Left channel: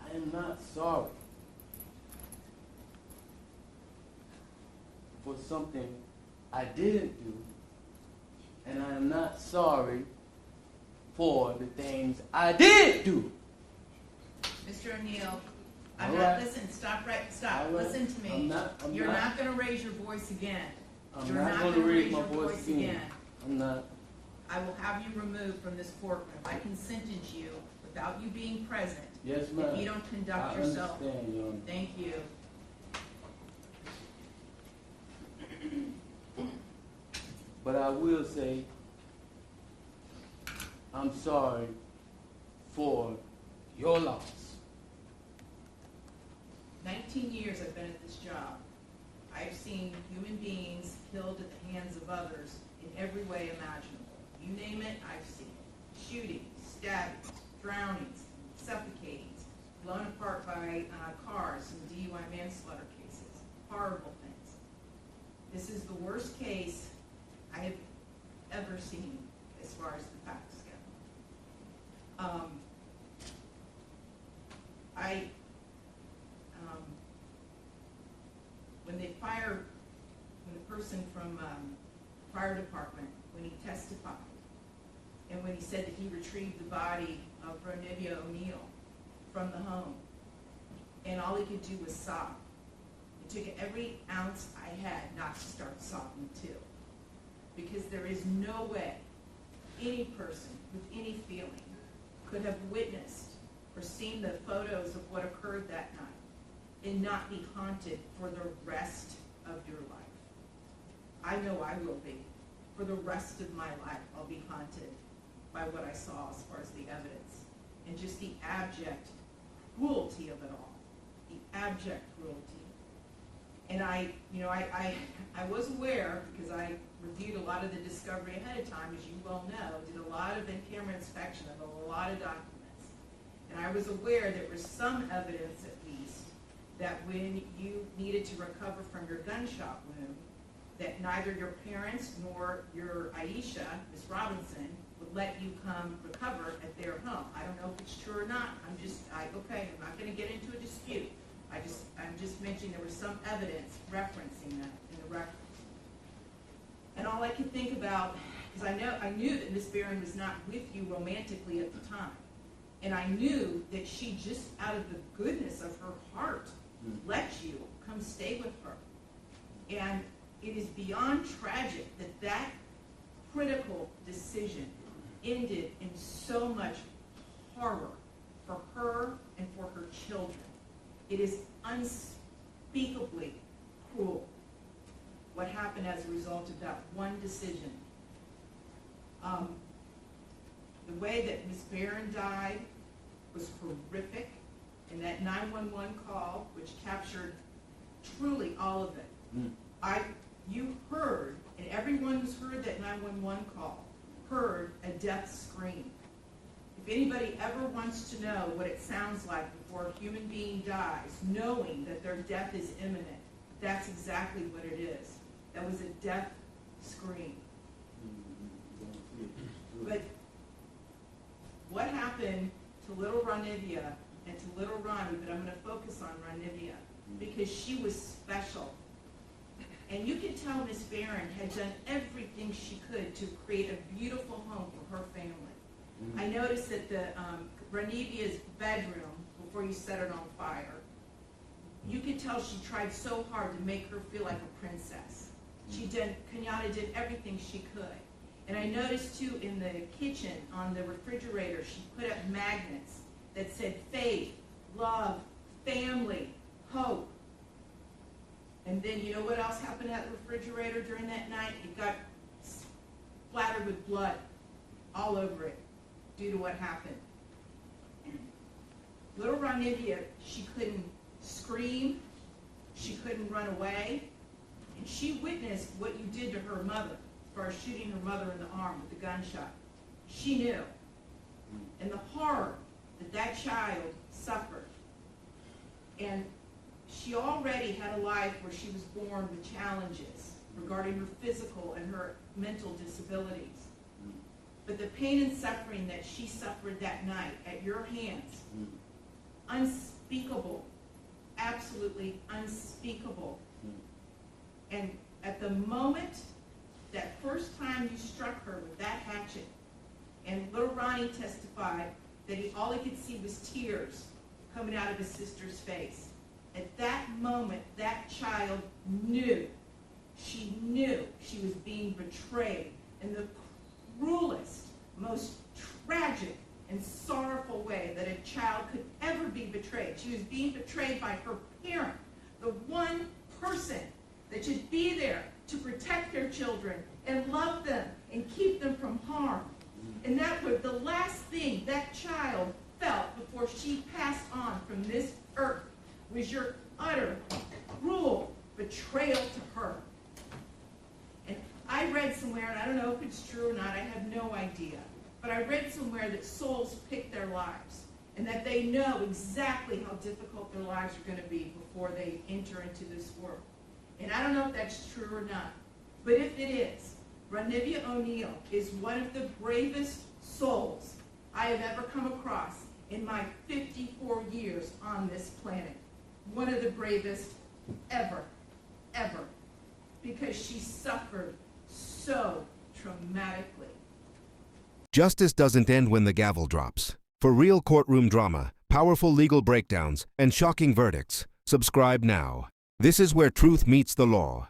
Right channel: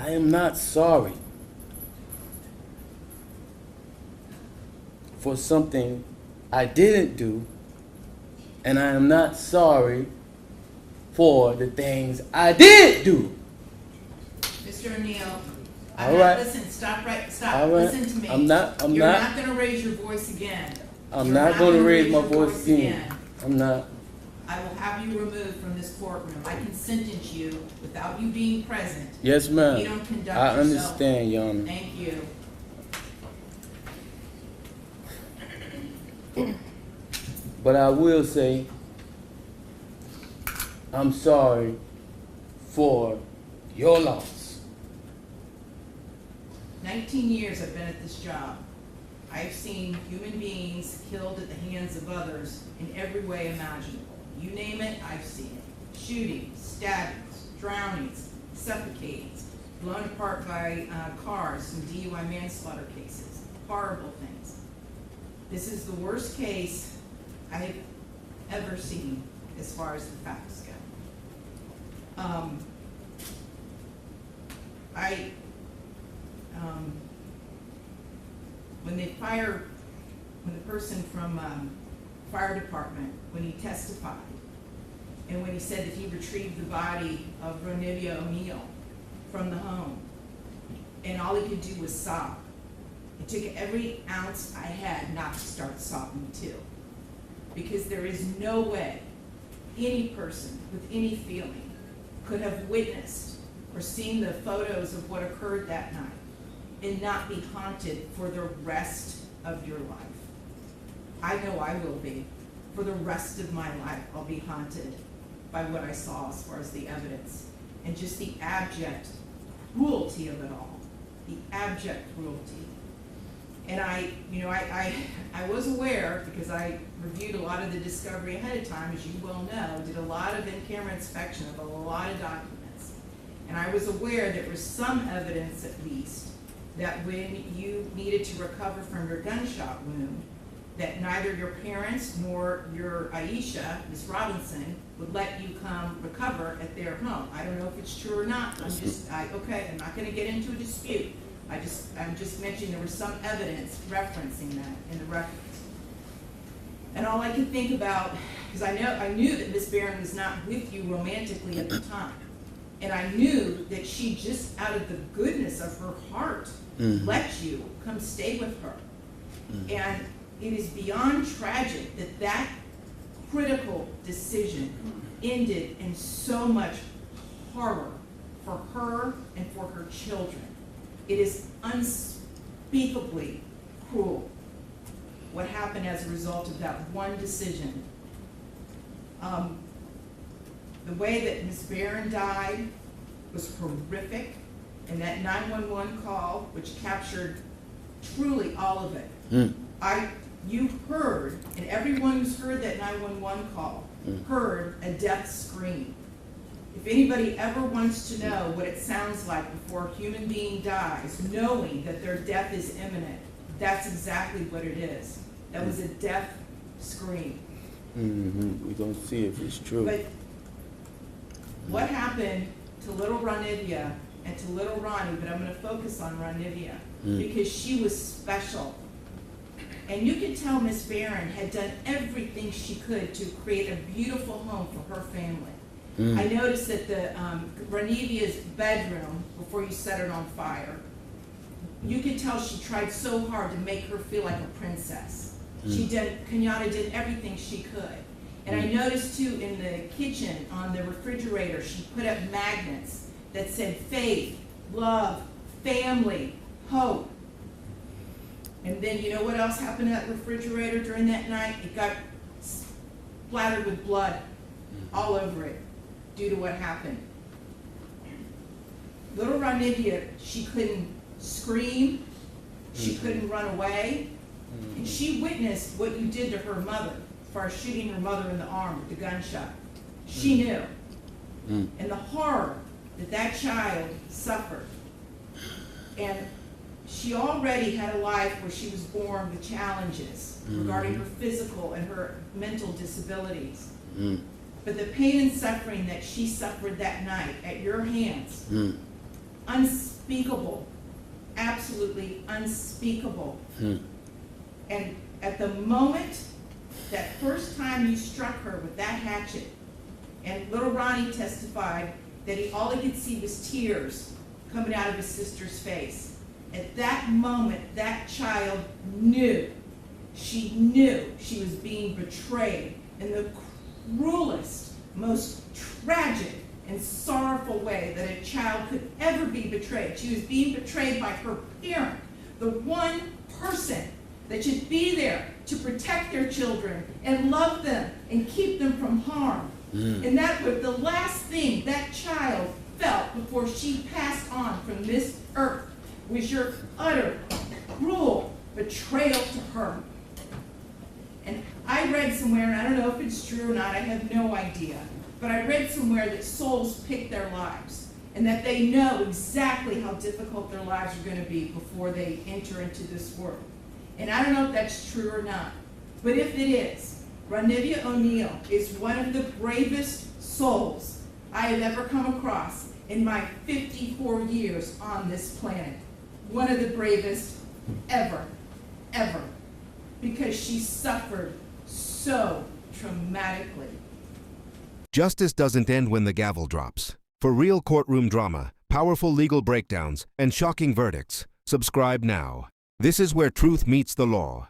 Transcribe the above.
I am not sorry for something I didn't do, and I am not sorry for the things I did do. Mr. O'Neal, All right. Listen, stop, All right. listen to me. I'm not You're not gonna raise your voice again. I'm You're not going to raise my your voice again. I'm not. I will have you removed from this courtroom. I can sentence you without you being present. Yes, ma'am. You don't conduct I yourself. understand, Your Honor. Thank you. But I will say, I'm sorry for your loss. 19 years I've been at this job. I've seen human beings killed at the hands of others in every way imaginable. You name it, I've seen it. Shootings, stabbings, drownings, suffocatings, blown apart by cars in DUI manslaughter cases. Horrible things. This is the worst case I have ever seen as far as the facts go. When the person from fire department, when he testified, and when he said that he retrieved the body of Ronnie O'Neal from the home, and all he could do was sob. It took every ounce I had not to start sobbing too. Because there is no way any person with any feeling could have witnessed or seen the photos of what occurred that night and not be haunted for the rest of your life. I know I will be. For the rest of my life, I'll be haunted by what I saw as far as the evidence and just the abject cruelty of it all. The abject cruelty. And I was aware, because I reviewed a lot of the discovery ahead of time, as you well know, did a lot of in-camera inspection of a lot of documents. And I was aware there was some evidence, at least, that when you needed to recover from your gunshot wound, that neither your parents nor your Aisha, Ms. Robinson, would let you come recover at their home. I don't know if it's true or not. I'm not going to get into a dispute. I'm just mentioning there was some evidence referencing that in the records. And all I could think about, because I knew that Ms. Barron was not with you romantically at the time. And I knew that she just out of the goodness of her heart let you come stay with her. And it is beyond tragic that that critical decision ended in so much horror for her and for her children. It is unspeakably cruel what happened as a result of that one decision. The way that Ms. Barron died was horrific, and that 911 call, which captured truly all of it. You heard, and everyone who's heard that 911 call heard a death scream. If anybody ever wants to know what it sounds like before a human being dies, knowing that their death is imminent, that's exactly what it is. That was a death scream. We're going to see if it's true. But what happened to little Ronivia and to little Ronnie, but I'm going to focus on Ronivia, because she was special. And you could tell Miss Barron had done everything she could to create a beautiful home for her family. I noticed that the Ronivia's bedroom, before you set it on fire, you could tell she tried so hard to make her feel like a princess. Kenyatta did everything she could. And I noticed too in the kitchen, on the refrigerator, she put up magnets that said faith, love, family, hope. And then you know what else happened to that refrigerator during that night? It got splattered with blood all over it due to what happened. Little Ronivia, she couldn't scream, she couldn't run away, and she witnessed what you did to her mother as far as shooting her mother in the arm with the gunshot. She knew. And the horror that that child suffered. And she already had a life where she was born with challenges regarding her physical and her mental disabilities. But the pain and suffering that she suffered that night at your hands, unspeakable, absolutely unspeakable. And at the moment, that first time you struck her with that hatchet, and little Ronnie testified that all he could see was tears coming out of his sister's face. At that moment, that child knew she was being betrayed in the cruelest, most tragic and sorrowful way that a child could ever be betrayed. She was being betrayed by her parent, the one person that should be there to protect their children and love them and keep them from harm. And that was the last thing that child felt before she passed on from this earth, was your utter, cruel betrayal to her. And I read somewhere, and I don't know if it's true or not, I have no idea, but I read somewhere that souls pick their lives, and that they know exactly how difficult their lives are going to be before they enter into this world. And I don't know if that's true or not, but if it is, Ronnie O'Neal is one of the bravest souls I have ever come across in my 54 years on this planet. One of the bravest ever, ever, because she suffered so traumatically. Justice doesn't end when the gavel drops. For real courtroom drama, powerful legal breakdowns, and shocking verdicts, subscribe now. This is where truth meets the law.